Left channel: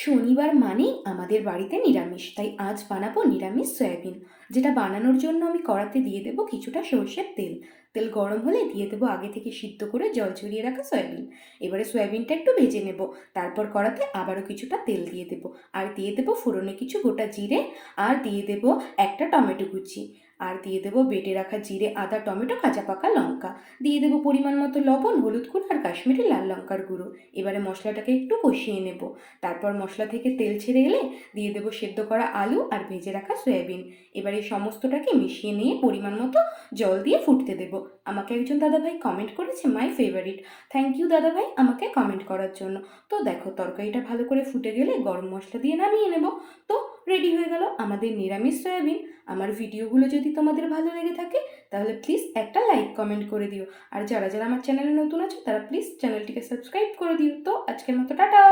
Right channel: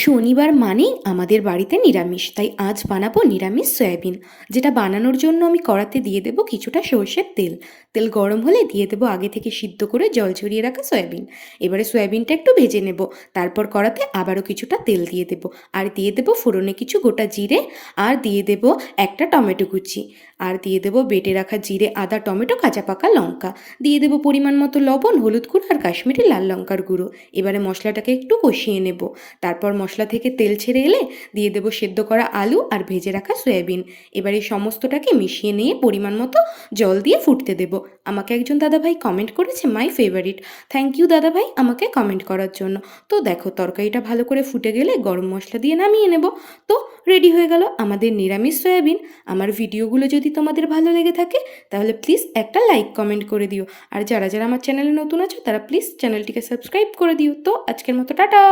শনিবার মানেই আমাদের বাড়িতে নিরামিষ, তাই আজ বানাবো নিরামিষ সয়াবিন। যেটা বানানোর জন্য আমি কড়াতে দিয়ে দেবো কিছুটা সর্ষের তেল। তেল গরম হলে দিয়ে দেবো আগে থেকে সিদ্ধ করে জল ঝরিয়ে রাখা সয়াবিন। এবারে সয়াবিনটা একটু ভেজে নেব। তারপর কড়াতে আবারও কিছুটা তেল দিয়ে দেবো, আর দিয়ে দেবো ফোড়নে কিছু গোটা জিরে, আর দিয়ে দেবো একটা টমেটো কুচি, আর দিয়ে দেবো বেটে রাখা জিরে, আদা, টমেটো, কাঁচা পাকা লঙ্কা। দিয়ে দেবো পরিমাণ মতো লবণ, হলুদ গুঁড়ো আর কাশ্মীরি লাল লঙ্কার গুঁড়ো। এবারে মশলাটাকে একটু কষিয়ে নেব। তারপর মশলা থেকে তেল ছেড়ে এলে দিয়ে দেবো সেদ্ধ করা আলু আর ভেজে রাখা সয়াবিন। এবার এই সমস্তটাকে মিশিয়ে নিয়ে পরিমাণ মতো জল দিয়ে ফুটতে দেবো। আমাকে একজন দাদাভাই কমেন্ট করেছে মাই ফেভারিট। থ্যাংক ইউ দাদাভাই আমাকে কমেন্ট করার জন্য। তো দেখো তরকারিটা ভালো করে ফুটে গেলে গরম মশলা দিয়ে নামিয়ে নেব। তো রেডি হয়ে গেল আমাদের নিরামিষ সয়াবিন। আমার ভিডিওগুলো যদি তোমাদের ভালো লেগে থাকে তাহলে প্লিজ একটা লাইক কমেন্ট করে দিও। আর যারা যারা আমার চ্যানেলে নতুন আছো তারা প্লিজ চ্যানেলটিকে সাবস্ক্রাইব করে দিও। তো আজকের মতো টাটা।